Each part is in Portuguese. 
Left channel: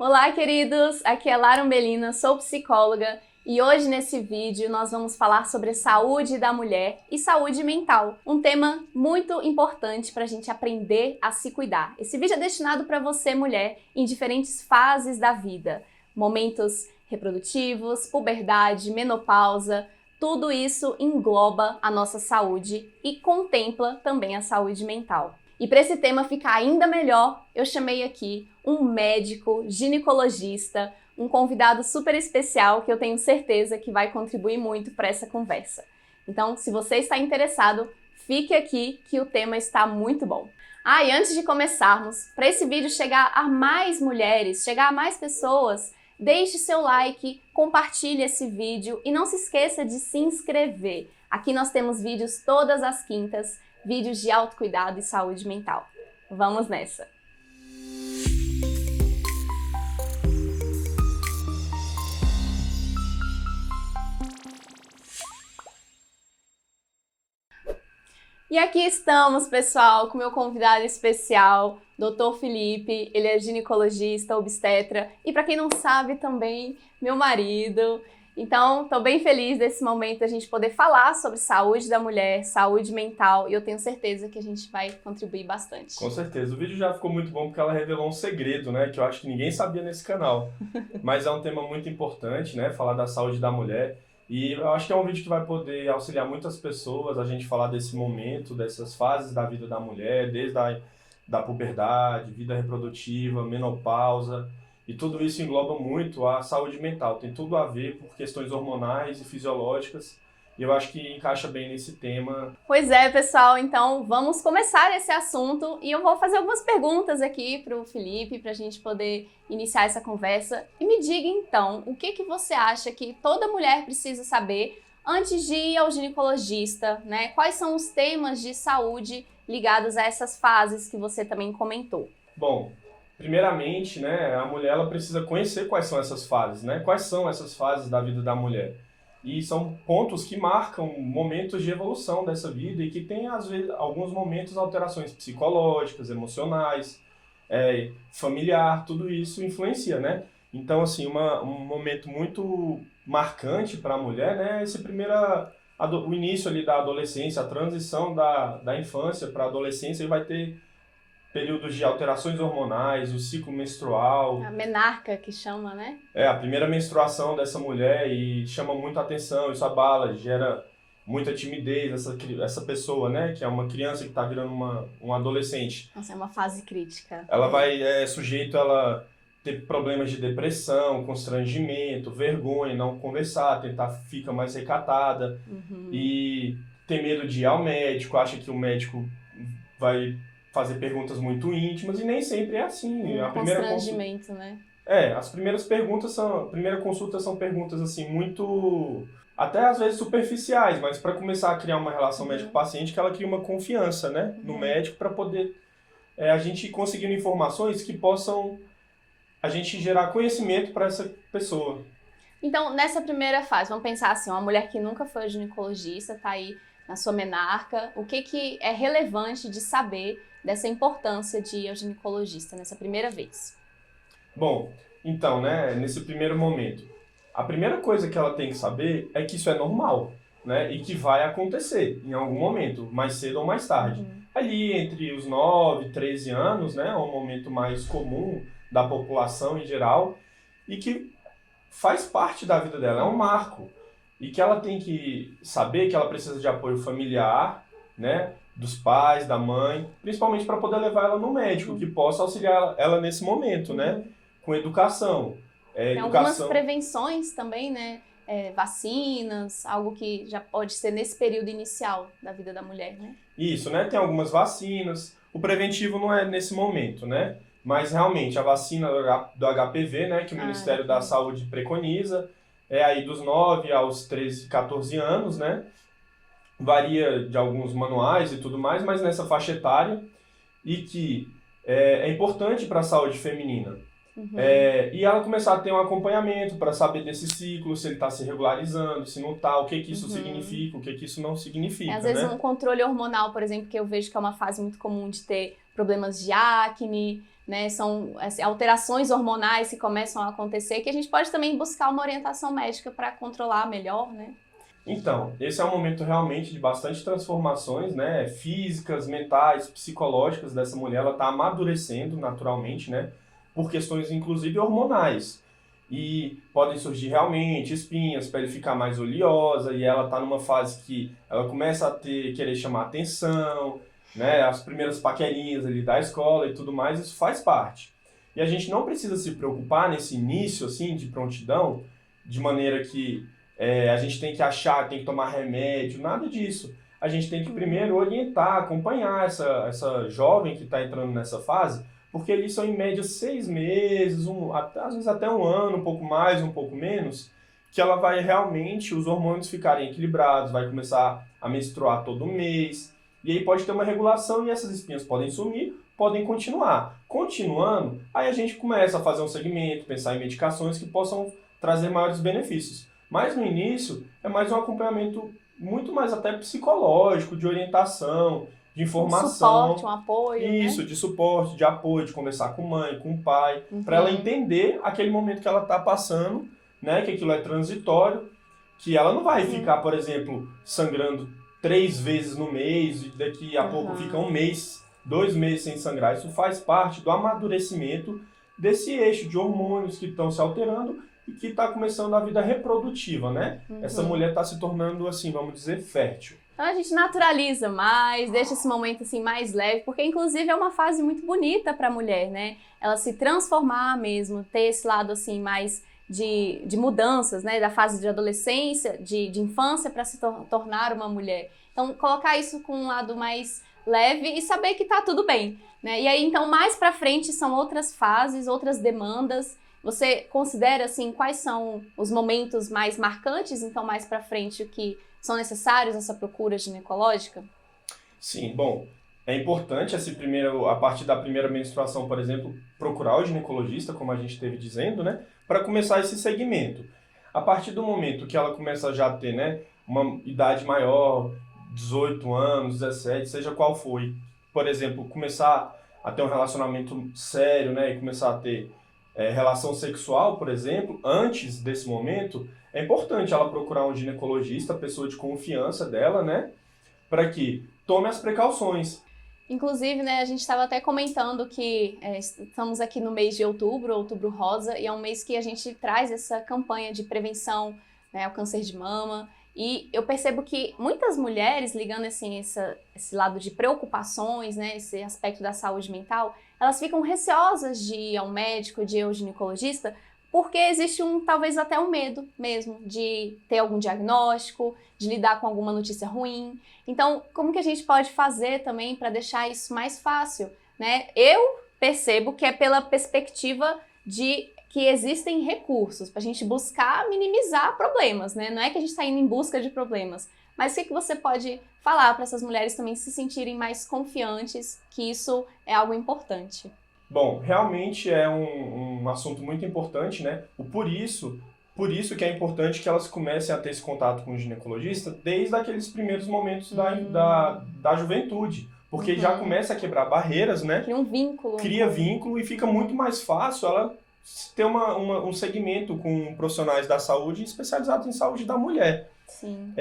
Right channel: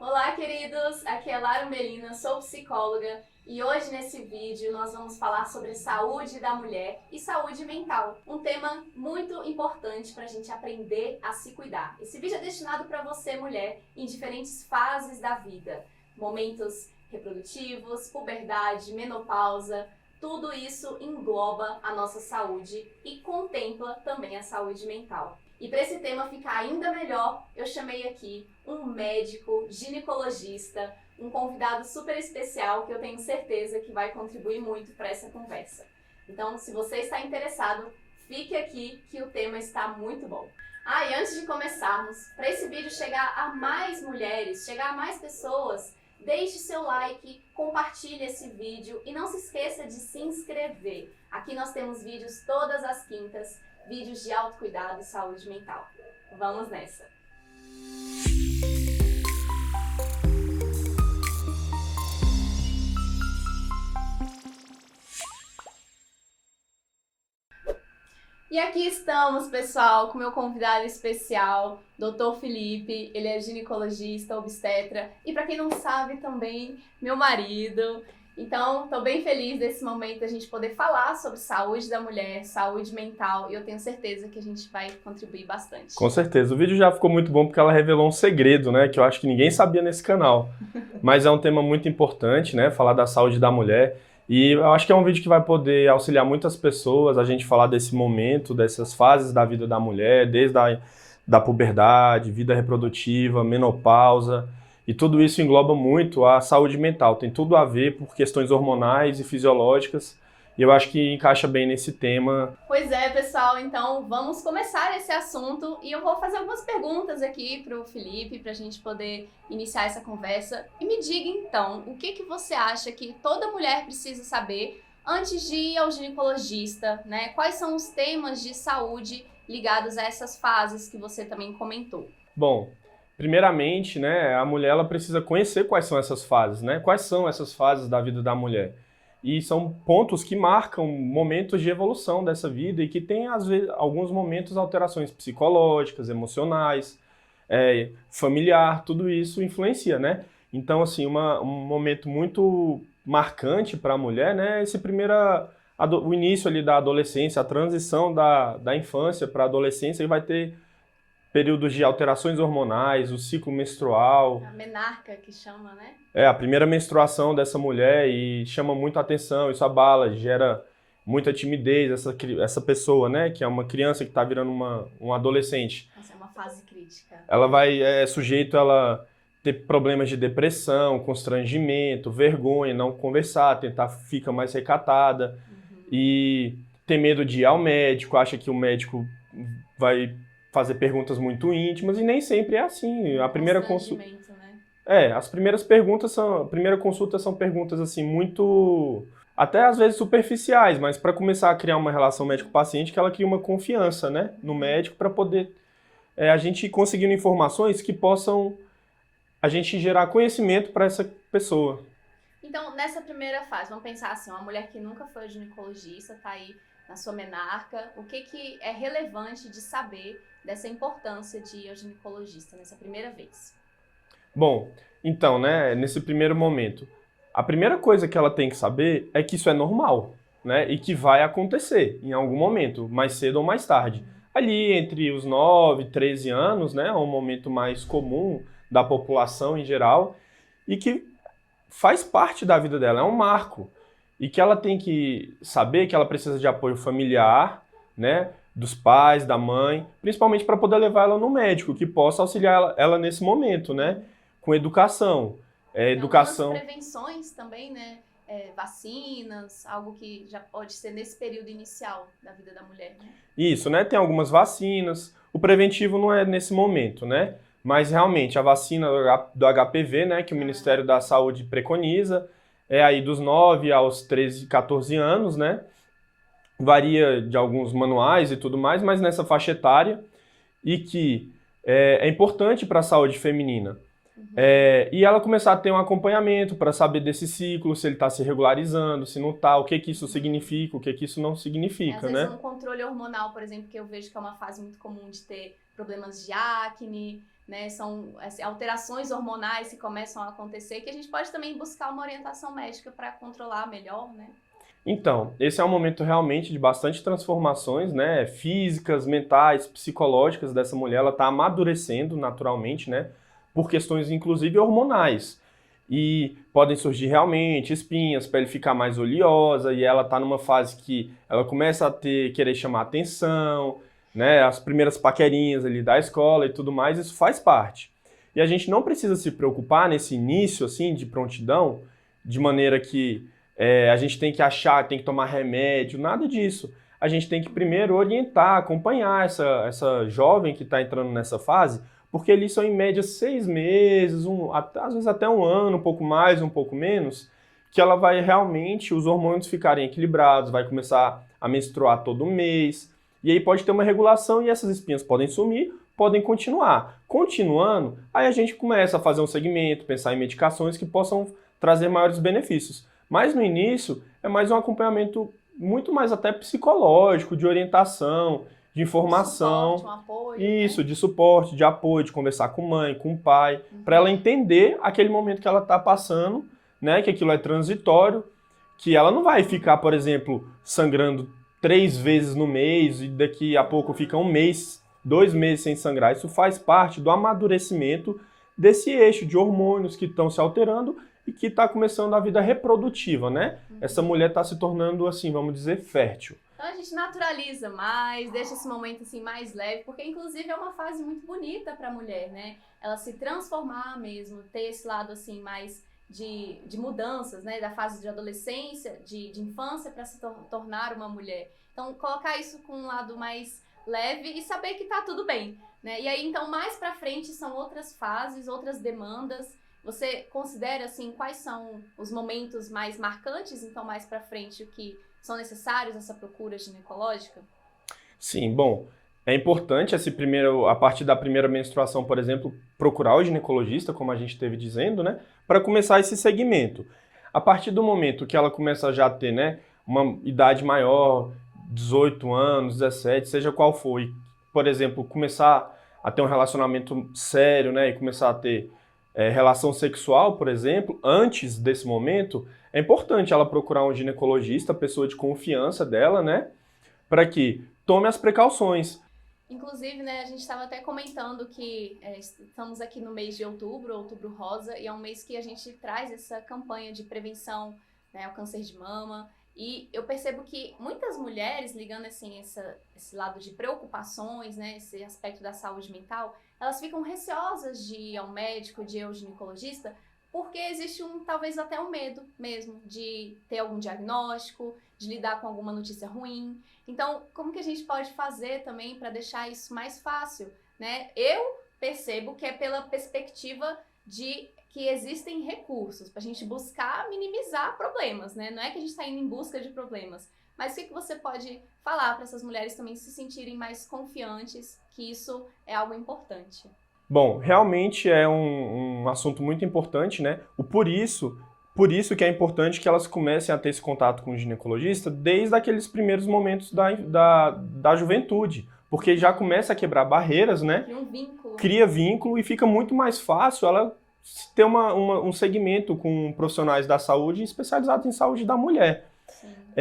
Olá, queridos! Aqui é Lara Umbelina, sou psicóloga e hoje nesse vídeo nós vamos falar sobre saúde da mulher e saúde mental, um tema muito importante para a gente aprender a se cuidar. Esse vídeo é destinado para você, mulher, em diferentes fases da vida, momentos reprodutivos, puberdade, menopausa, tudo isso engloba a nossa saúde e contempla também a saúde mental. E para esse tema ficar ainda melhor, eu chamei aqui um médico ginecologista, um convidado super especial que eu tenho certeza que vai contribuir muito para essa conversa. Então, se você está interessado, fique aqui que o tema está muito bom. E antes de começarmos, para esse vídeo chegar a mais mulheres, chegar a mais pessoas, deixe seu like, compartilhe esse vídeo e não se esqueça de se inscrever. Aqui nós temos vídeos todas as quintas, vídeos de autocuidado e saúde mental. Vamos nessa! E aqui estamos, pessoal, com meu convidado especial, Dr. Felipe. Ele é ginecologista, obstetra e, para quem não sabe, também meu marido. Então, estou bem feliz desse momento a gente poder falar sobre saúde da mulher, saúde mental, e eu tenho certeza que a gente vai contribuir bastante. Com certeza. O vídeo já ficou muito bom porque ela revelou um segredo, né, que eu acho que ninguém sabia nesse canal. Mas é um tema muito importante, né, falar da saúde da mulher. E eu acho que é um vídeo que vai poder auxiliar muitas pessoas a gente falar desse momento, dessas fases da vida da mulher, desde da puberdade, vida reprodutiva, menopausa. E tudo isso engloba muito a saúde mental, tem tudo a ver por questões hormonais e fisiológicas, e eu acho que encaixa bem nesse tema. Pois é, pessoal, então vamos começar esse assunto e eu vou fazer algumas perguntas aqui para o Felipe, para a gente poder iniciar essa conversa. E me diga então, o que você acha que toda mulher precisa saber antes de ir ao ginecologista, né? Quais são os temas de saúde ligados a essas fases que você também comentou? Bom, primeiramente, né, a mulher ela precisa conhecer quais são essas fases, né? Quais são essas fases da vida da mulher? E são pontos que marcam momentos de evolução dessa vida e que tem, às vezes, alguns momentos alterações psicológicas, emocionais, familiar, tudo isso influencia, né? Então, assim, um momento muito marcante para a mulher, né, o início ali da adolescência, a transição da infância para a adolescência, e vai ter períodos de alterações hormonais, o ciclo menstrual. A menarca que chama, né? A primeira menstruação dessa mulher e chama muito a atenção, isso abala, gera muita timidez, essa pessoa, né, que é uma criança que está virando um adolescente. Nossa, é uma fase crítica. Ela vai, sujeito ela ter problemas de depressão, constrangimento, vergonha, não conversar, ficar mais recatada e ter medo de ir ao médico, acha que o médico vai fazer perguntas muito íntimas e nem sempre é assim. A primeira constrangimento, né? As primeiras perguntas a primeira consulta são perguntas assim muito, até às vezes superficiais, mas para começar a criar uma relação médico-paciente, que ela cria uma confiança, né, no médico, para poder a gente conseguindo informações que possam a gente gerar conhecimento para essa pessoa. Então, nessa primeira fase, vamos pensar assim, uma mulher que nunca foi ginecologista, tá aí na sua menarca, o que é relevante de saber dessa importância de ir ao ginecologista nessa primeira vez? Bom, então, né, nesse primeiro momento, a primeira coisa que ela tem que saber é que isso é normal, né, e que vai acontecer em algum momento, mais cedo ou mais tarde. Ali entre os 9, 13 anos, né, é um momento mais comum da população em geral e que faz parte da vida dela, é um marco. E que ela tem que saber que ela precisa de apoio familiar, né, dos pais, da mãe, principalmente para poder levar ela no médico, que possa auxiliar ela nesse momento, né, com educação. Tem algumas prevenções também, né, vacinas, algo que já pode ser nesse período inicial da vida da mulher, né? Isso, né, tem algumas vacinas, o preventivo não é nesse momento, né, mas realmente a vacina do HPV, né, que o Ministério da Saúde preconiza, é aí dos 9 aos 13, 14 anos, né? Varia de alguns manuais e tudo mais, mas nessa faixa etária, e que é importante para a saúde feminina. E ela começar a ter um acompanhamento para saber desse ciclo, se ele está se regularizando, se não está, o que isso significa, o que isso não significa. Às vezes um controle hormonal, por exemplo, que eu vejo que é uma fase muito comum de ter problemas de acne, né? São assim, alterações hormonais que começam a acontecer, que a gente pode também buscar uma orientação médica para controlar melhor, né? Então, esse é um momento realmente de bastante transformações, né? Físicas, mentais, psicológicas dessa mulher. Ela está amadurecendo naturalmente, né? Por questões, inclusive, hormonais. E podem surgir realmente espinhas, pele ficar mais oleosa, e ela está numa fase que ela começa a querer chamar atenção, né? As primeiras paquerinhas ali da escola e tudo mais, isso faz parte. E a gente não precisa se preocupar nesse início, assim, de prontidão, de maneira que a gente tem que achar, tem que tomar remédio, nada disso. A gente tem que primeiro orientar, acompanhar essa jovem que está entrando nessa fase, porque eles são em média 6 meses, às vezes até um ano, um pouco mais, um pouco menos, que ela vai realmente, os hormônios ficarem equilibrados, vai começar a menstruar todo mês, e aí pode ter uma regulação e essas espinhas podem sumir, podem continuar. Continuando, aí a gente começa a fazer um segmento, pensar em medicações que possam trazer maiores benefícios. Mas no início é mais um acompanhamento muito mais até psicológico, de orientação, de informação. Um suporte, um apoio. Isso, né? de suporte, de apoio, de conversar com mãe, com pai, para ela entender aquele momento que ela está passando, né? Que aquilo é transitório, que ela não vai ficar, por exemplo, sangrando 3 vezes no mês e daqui a pouco fica 1 mês, 2 meses sem sangrar. Isso faz parte do amadurecimento desse eixo de hormônios que estão se alterando e que está começando a vida reprodutiva, né? Essa mulher está se tornando, assim, vamos dizer, fértil. Então a gente naturaliza mais, deixa esse momento assim mais leve, porque inclusive é uma fase muito bonita para a mulher, né? Ela se transformar mesmo, ter esse lado assim mais de mudanças, né? Da fase de adolescência, de infância para se tornar uma mulher. Então colocar isso com um lado mais leve e saber que tá tudo bem, né? E aí então mais para frente são outras fases, outras demandas. Você considera assim quais são os momentos mais marcantes, então mais para frente, o que são necessários essa procura ginecológica? Sim, bom, é importante a partir da primeira menstruação, por exemplo, procurar o ginecologista, como a gente esteve dizendo, né, para começar esse segmento. A partir do momento que ela começa já a ter, né, uma idade maior, 18 anos, 17, seja qual for, e, por exemplo, começar a ter um relacionamento sério, né, e começar a ter relação sexual, por exemplo, antes desse momento, é importante ela procurar um ginecologista, pessoa de confiança dela, né? Para que tome as precauções. Inclusive, né, a gente estava até comentando que estamos aqui no mês de outubro, Outubro Rosa, e é um mês que a gente traz essa campanha de prevenção, né, ao câncer de mama. E eu percebo que muitas mulheres, ligando assim, esse lado de preocupações, né, esse aspecto da saúde mental, elas ficam receosas de ir ao médico, de ir ao ginecologista, porque existe talvez até um medo mesmo de ter algum diagnóstico, de lidar com alguma notícia ruim. Então, como que a gente pode fazer também para deixar isso mais fácil, né? Eu percebo que é pela perspectiva de que existem recursos para a gente buscar minimizar problemas, né? Não é que a gente está indo em busca de problemas, mas o que você pode falar para essas mulheres também se sentirem mais confiantes que isso é algo importante? Bom, realmente é um assunto muito importante, né? Por isso que é importante que elas comecem a ter esse contato com o ginecologista desde aqueles primeiros momentos da juventude, porque já começa a quebrar barreiras, né? Cria um vínculo. Cria vínculo e fica muito mais fácil ela ter um segmento com profissionais da saúde especializados em saúde da mulher. Sim.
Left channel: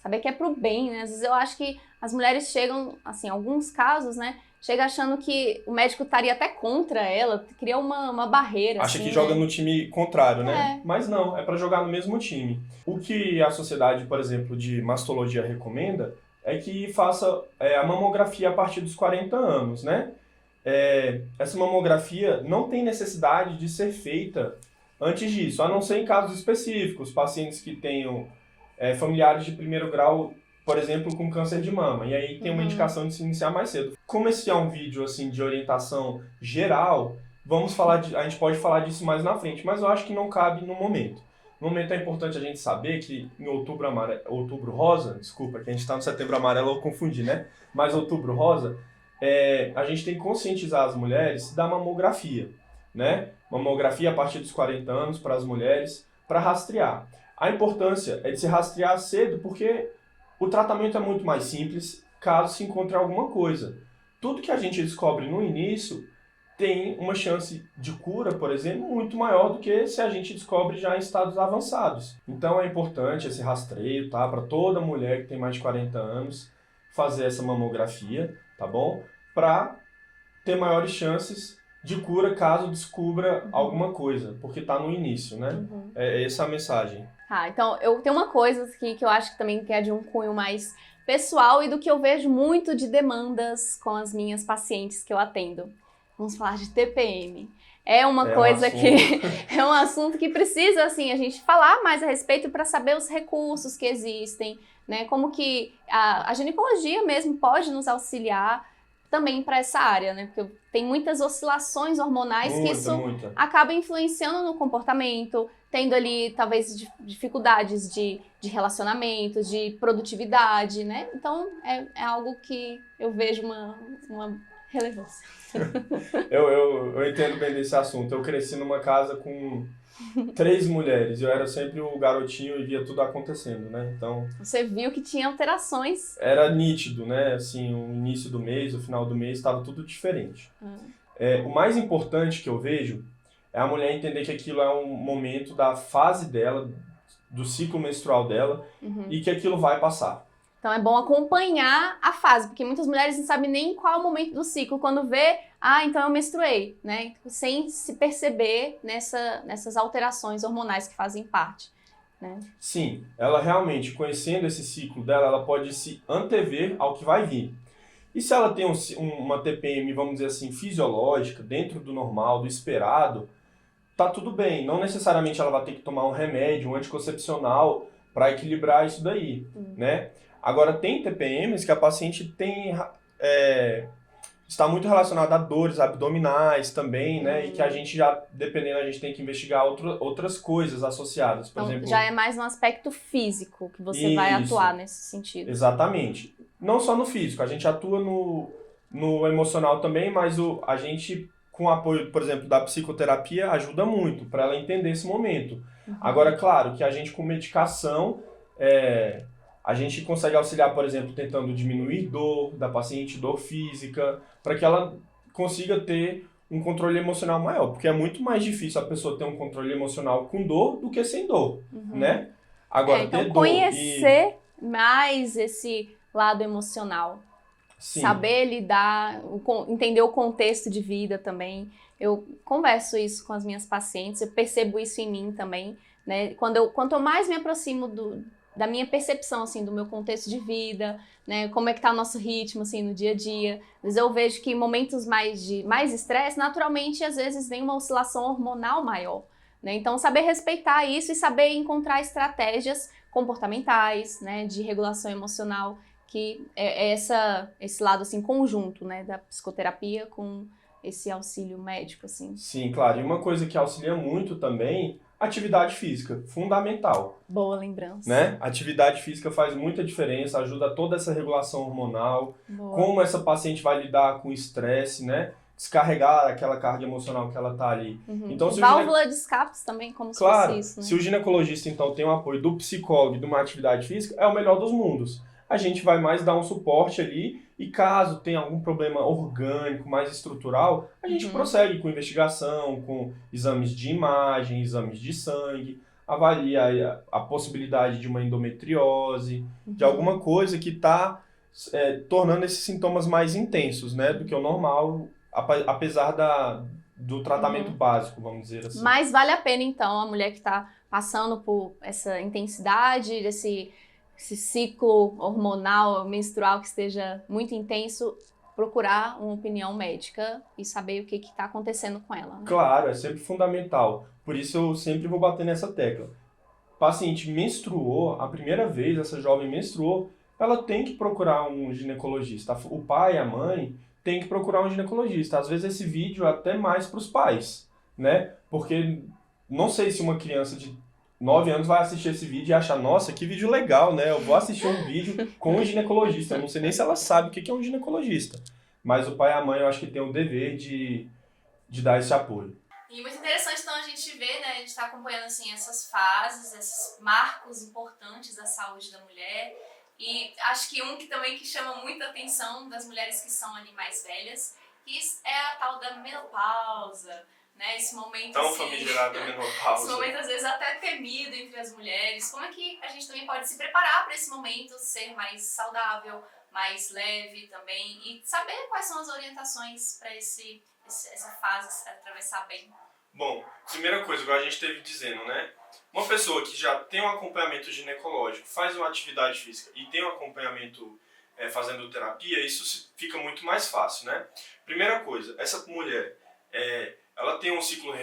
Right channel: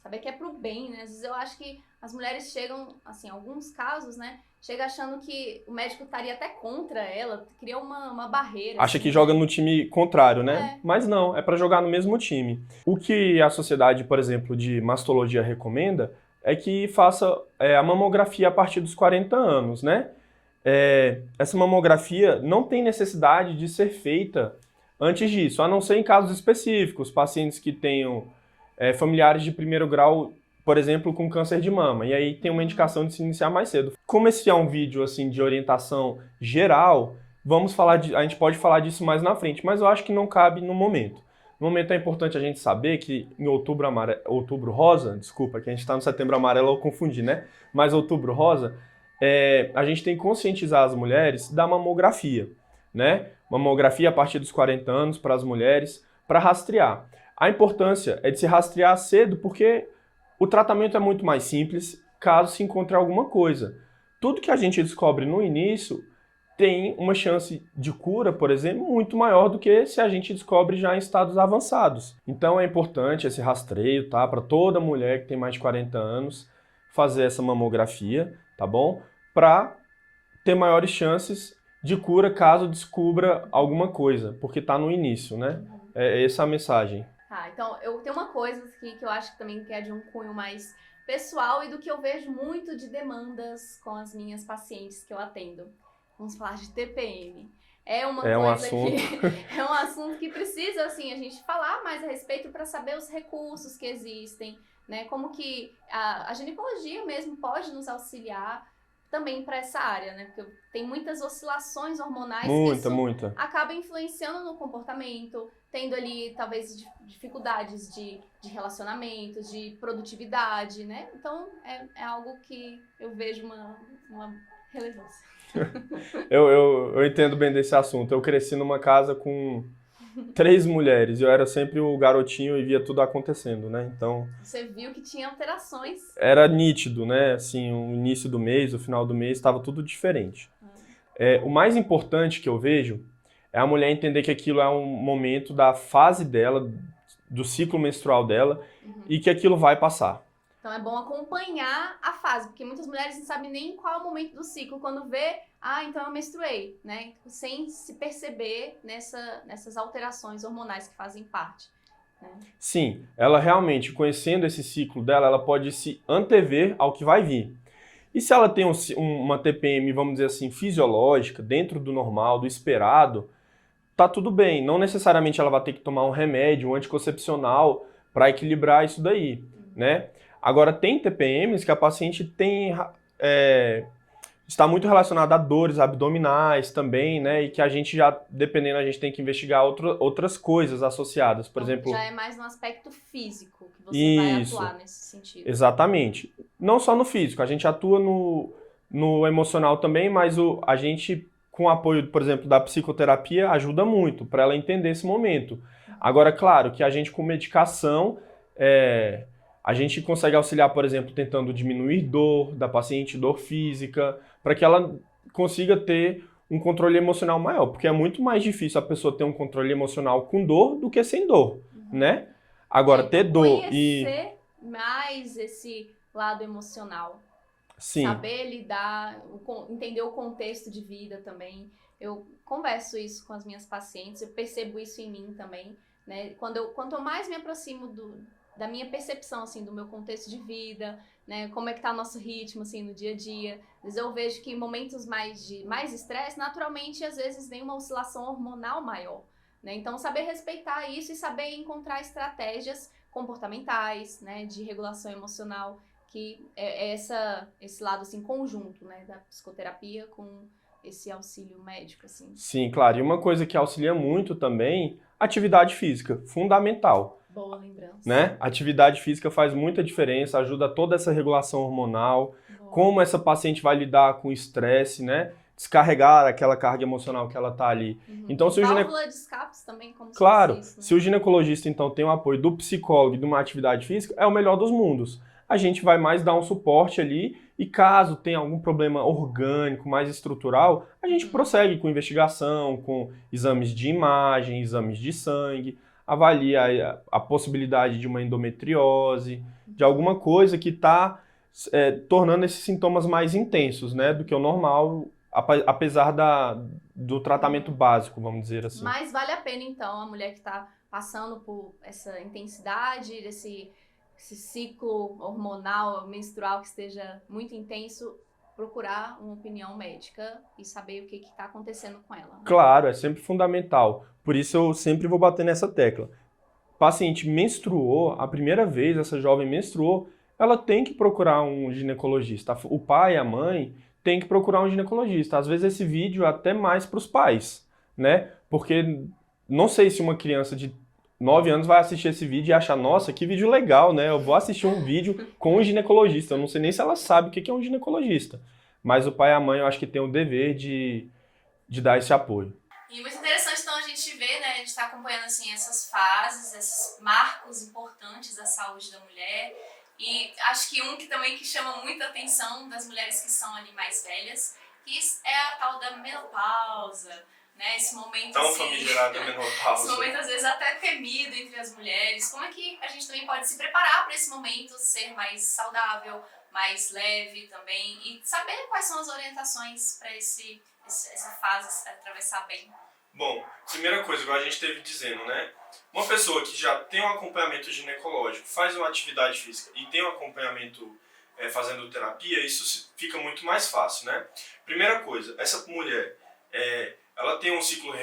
Saber que é pro bem, né? Às vezes eu acho que as mulheres chegam, assim, em alguns casos, né? Chega achando que o médico estaria até contra ela, cria uma barreira. Acha assim, que joga né? no time contrário, né? É. Mas não, é para jogar no mesmo time. O que a sociedade, por exemplo, de mastologia recomenda é que faça a mamografia a partir dos 40 anos, né? Essa mamografia não tem necessidade de ser feita antes disso, a não ser em casos específicos, pacientes que tenham familiares de primeiro grau, por exemplo, com câncer de mama, e aí tem uma indicação de se iniciar mais cedo. Como esse é um vídeo assim de orientação geral, a gente pode falar disso mais na frente, mas eu acho que não cabe no momento. No momento é importante a gente saber que em outubro rosa, desculpa, que a gente está no setembro amarelo, eu confundi, né? Mas outubro rosa, a gente tem que conscientizar as mulheres da mamografia, né? Mamografia a partir dos 40 anos para as mulheres, para rastrear. A importância é de se rastrear cedo, porque o tratamento é muito mais simples caso se encontre alguma coisa. tudo que a gente descobre no início tem uma chance de cura, por exemplo, muito maior do que se a gente descobre já em estados avançados. Então é importante esse rastreio, tá? Para toda mulher que tem mais de 40 anos fazer essa mamografia, tá bom? Para ter maiores chances de cura caso descubra alguma coisa, porque tá no início, né? É essa a mensagem. Então eu tenho uma coisa aqui que eu acho que também é de um cunho mais pessoal e do que eu vejo muito de demandas com as minhas pacientes que eu atendo. Vamos falar de TPM. É uma coisa que é um assunto que precisa, assim, a gente falar mais a respeito para saber os recursos que existem, né? Como que a ginecologia mesmo pode nos auxiliar também para essa área, né? Porque tem muitas oscilações hormonais que isso acaba influenciando no comportamento, tendo ali talvez dificuldades de relacionamento, de produtividade, né? Então é algo que eu vejo uma relevância. Eu entendo bem desse assunto. Eu cresci numa casa com 3 mulheres. Eu era sempre o garotinho e via tudo acontecendo, né? Então... Você viu que tinha alterações. Era nítido, né? Assim, o início do mês, o final do mês, estava tudo diferente. O mais importante que eu vejo é a mulher entender que aquilo é um momento da fase dela, do ciclo menstrual dela, e que aquilo vai passar. Então é bom acompanhar a fase, porque muitas mulheres não sabem nem qual é o momento do ciclo. Quando vê, então eu menstruei, né? Sem se perceber nessas alterações hormonais que fazem parte, né? Sim, ela realmente, conhecendo esse ciclo dela, ela pode se antever ao que vai vir. E se ela tem uma TPM, vamos dizer assim, fisiológica, dentro do normal, do esperado, tá tudo bem. Não necessariamente ela vai ter que tomar um remédio, um anticoncepcional para equilibrar isso daí, né? Agora, tem TPMs que a paciente está muito relacionada a dores abdominais também, né? E que a gente já, dependendo, a gente tem que investigar outras coisas associadas. Por exemplo, já é mais no aspecto físico que você vai atuar nesse sentido. Exatamente. Não só no físico, a gente atua no emocional também, mas a gente, com o apoio, por exemplo, da psicoterapia, ajuda muito para ela entender esse momento. Agora, claro que a gente com medicação... a gente consegue auxiliar, por exemplo, tentando diminuir dor da paciente, dor física, para que ela consiga ter um controle emocional maior, porque é muito mais difícil a pessoa ter um controle emocional com dor do que sem dor, né? Agora, então, ter dor conhecer mais esse lado emocional. Sim. Saber lidar, entender o contexto de vida também. Eu converso isso com as minhas pacientes, eu percebo isso em mim também, né? Quanto eu mais me aproximo da minha percepção, assim, do meu contexto de vida, né, como é que tá o nosso ritmo, assim, no dia a dia. Às vezes eu vejo que em momentos de mais estresse, naturalmente, às vezes vem uma oscilação hormonal maior, né, então saber respeitar isso e saber encontrar estratégias comportamentais, né, de regulação emocional, que é esse lado, assim, conjunto, né, da psicoterapia com esse auxílio médico, assim. Sim, claro, e uma coisa que auxilia muito também... Atividade física, fundamental. Boa lembrança. Né? Atividade física faz muita diferença, ajuda toda essa regulação hormonal, como essa paciente vai lidar com o estresse, né? Descarregar aquela carga emocional que ela tá ali. Então, válvula de escape também, como se fosse isso, né? Se o ginecologista, então, tem o apoio do psicólogo e de uma atividade física, é o melhor dos mundos. A gente vai mais dar um suporte ali e caso tenha algum problema orgânico, mais estrutural, a gente prossegue com investigação, com exames de imagem, exames de sangue, avalia a possibilidade de uma endometriose, de alguma coisa que está tornando esses sintomas mais intensos, né, do que o normal, apesar do tratamento básico, vamos dizer assim. Mas vale a pena, então, a mulher que está passando por essa intensidade, esse ciclo hormonal, menstrual que esteja muito intenso, procurar uma opinião médica e saber o que está acontecendo com ela. Né? Claro, é sempre fundamental. Por isso eu sempre vou bater nessa tecla. Paciente menstruou, a primeira vez essa jovem menstruou, ela tem que procurar um ginecologista. O pai e a mãe tem que procurar um ginecologista. Às vezes esse vídeo é até mais para os pais, né? Porque não sei se uma criança de 9 anos vai assistir esse vídeo e achar, nossa, que vídeo legal, né? Eu vou assistir um vídeo com um ginecologista. Eu não sei nem se ela sabe o que é um ginecologista. Mas o pai e a mãe, eu acho que tem o dever de dar esse apoio. E muito interessante, então, a gente vê, né? A gente está acompanhando, assim, essas fases, esses marcos importantes da saúde da mulher. E acho que um que também que chama muita atenção das mulheres que são ali mais velhas, que é a tal da menopausa, né? Esse momento Tão assim, famigerada menopausa. esse momento às vezes até temido entre as mulheres. Como é que a gente também pode se preparar para esse momento ser mais saudável, mais leve também e saber quais são as orientações para essa fase se atravessar bem? Bom, primeira coisa, igual a gente esteve dizendo, né? Uma pessoa que já tem um acompanhamento ginecológico, faz uma atividade física e tem um acompanhamento fazendo terapia, isso fica muito mais fácil, né? Primeira coisa, essa mulher, ela tem um ciclo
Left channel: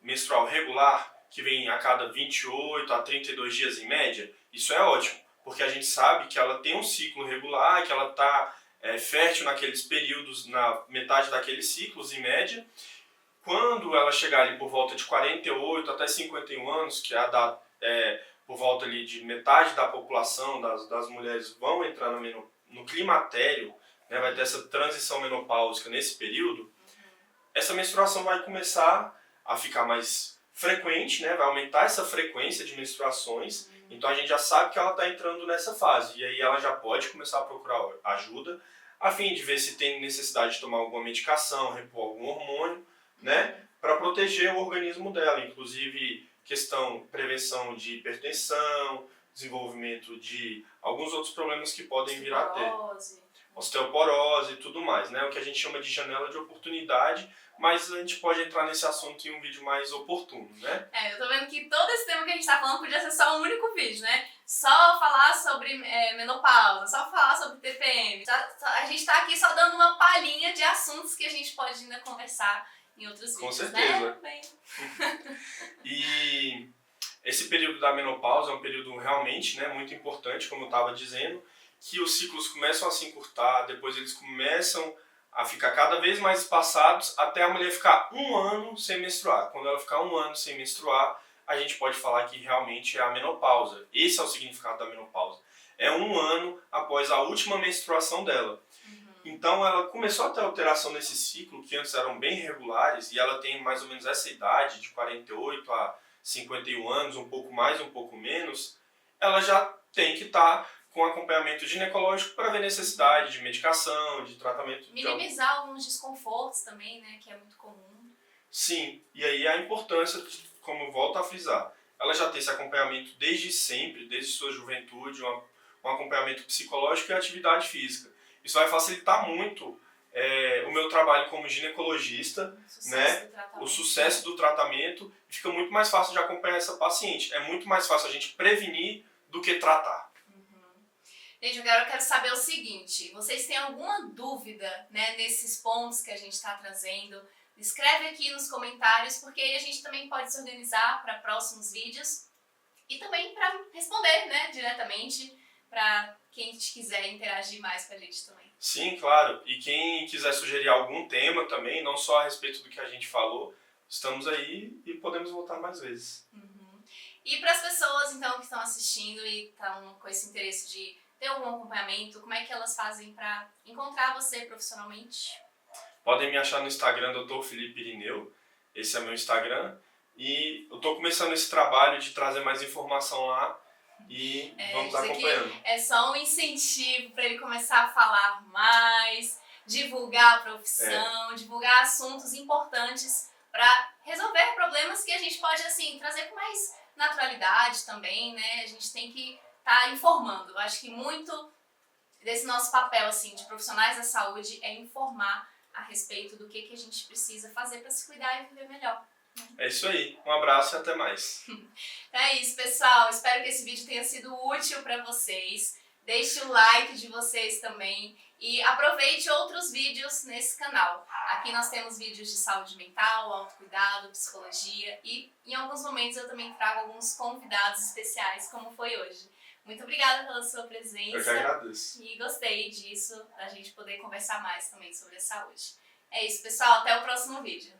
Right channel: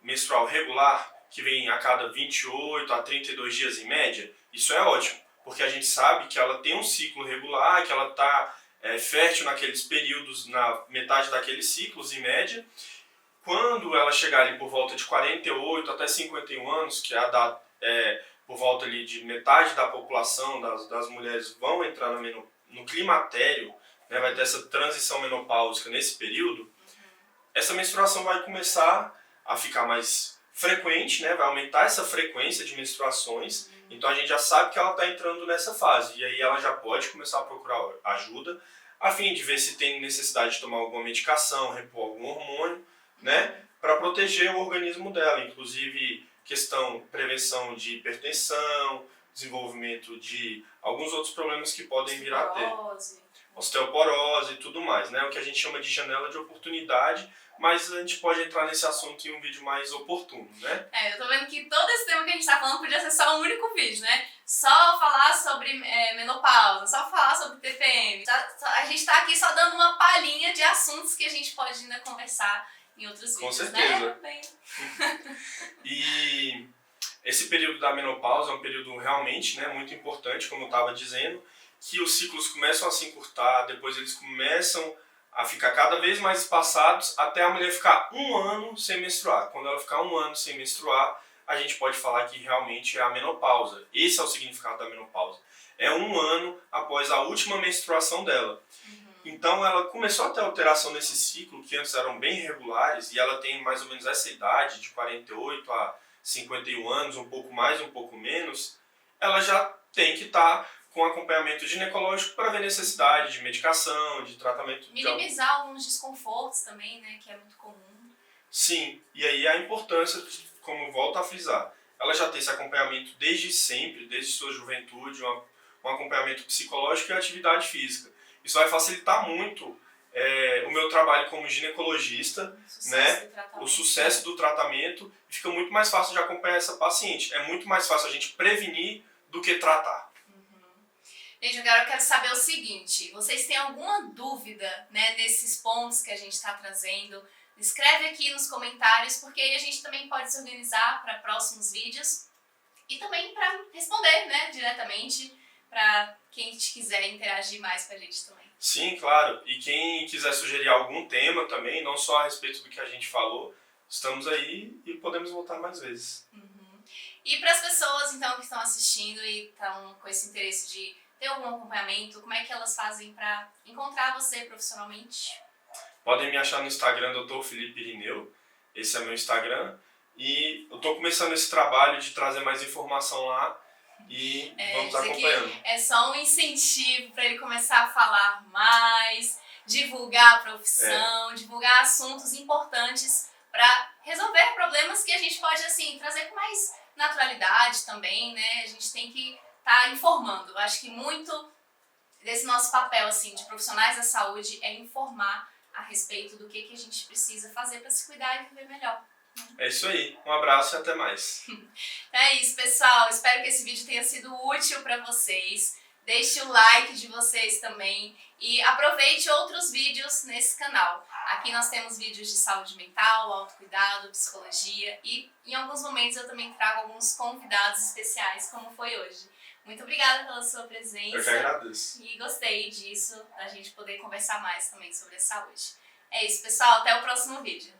menstrual regular, que vem a cada 28 a 32 dias em média. Isso é ótimo, porque a gente sabe que ela tem um ciclo regular, que ela está fértil naqueles períodos, na metade daqueles ciclos em média. Quando ela chegar ali por volta de 48 até 51 anos, que é a data, por volta ali de metade da população das mulheres vão entrar no climatério, né, vai ter essa transição menopáusica nesse período, essa menstruação vai começar a ficar mais frequente, né, vai aumentar essa frequência de menstruações, então a gente já sabe que ela está entrando nessa fase, e aí ela já pode começar a procurar ajuda, a fim de ver se tem necessidade de tomar alguma medicação, repor algum hormônio, né, para proteger o organismo dela, inclusive prevenção de hipertensão, desenvolvimento de alguns outros problemas que podem vir a ter. Osteoporose e tudo mais, né, o que a gente chama de janela de oportunidade, mas a gente pode entrar nesse assunto em um vídeo mais oportuno, né? Eu tô vendo que todo esse tema que a gente tá falando podia ser só um único vídeo, né? Só falar sobre menopausa, só falar sobre TPM. A gente tá aqui só dando uma palhinha de assuntos que a gente pode ainda conversar em outros vídeos, com certeza, né? E esse período da menopausa é um período realmente, né, muito importante, como eu estava dizendo, que os ciclos começam a se encurtar, depois eles começam a ficar cada vez mais espaçados até a mulher ficar 1 ano sem menstruar. Quando ela ficar 1 ano sem menstruar, a gente pode falar que realmente é a menopausa. Esse é o significado da menopausa. É 1 ano após a última menstruação dela. Então ela começou a ter alteração nesse ciclo, que antes eram bem regulares, e ela tem mais ou menos essa idade, de 48 a 51 anos, um pouco mais, um pouco menos, ela já tem que estar com acompanhamento ginecológico para ver necessidade de medicação, de tratamento. Minimizar alguns desconfortos também, né, que é muito comum. Sim, e aí a importância, como eu volto a frisar, ela já tem esse acompanhamento desde sempre, desde sua juventude, um acompanhamento psicológico e atividade física. Isso vai facilitar muito o meu trabalho como ginecologista, o sucesso do tratamento, e fica muito mais fácil de acompanhar essa paciente. É muito mais fácil a gente prevenir do que tratar. Gente, agora eu quero saber o seguinte, vocês têm alguma dúvida, né, nesses pontos que a gente está trazendo? Escreve aqui nos comentários, porque aí a gente também pode se organizar para próximos vídeos e também para responder, né, diretamente, para quem quiser interagir mais com a gente também. Sim, claro. E quem quiser sugerir algum tema também, não só a respeito do que a gente falou, estamos aí e podemos voltar mais vezes. E para as pessoas, então, que estão assistindo e estão com esse interesse de ter algum acompanhamento, como é que elas fazem para encontrar você profissionalmente? Podem me achar no Instagram, Dr. Felipe Irineu. Esse é meu Instagram. E eu estou começando esse trabalho de trazer mais informação lá e vamos acompanhando. É só um incentivo para ele começar a falar mais, divulgar a profissão, divulgar assuntos importantes para resolver problemas que a gente pode, assim, trazer com mais naturalidade também, né? A gente tem que estar informando. Eu acho que muito desse nosso papel, assim, de profissionais da saúde é informar a respeito do que a gente precisa fazer para se cuidar e viver melhor. É isso aí. Um abraço e até mais. É isso, pessoal. Espero que esse vídeo tenha sido útil para vocês. Deixe o like de vocês também e aproveite outros vídeos nesse canal. Aqui nós temos vídeos de saúde mental, autocuidado, psicologia e em alguns momentos eu também trago alguns convidados especiais, como foi hoje. Muito obrigada pela sua presença. Eu que agradeço. E gostei disso, da gente poder conversar mais também sobre a saúde. É isso, pessoal. Até o próximo vídeo.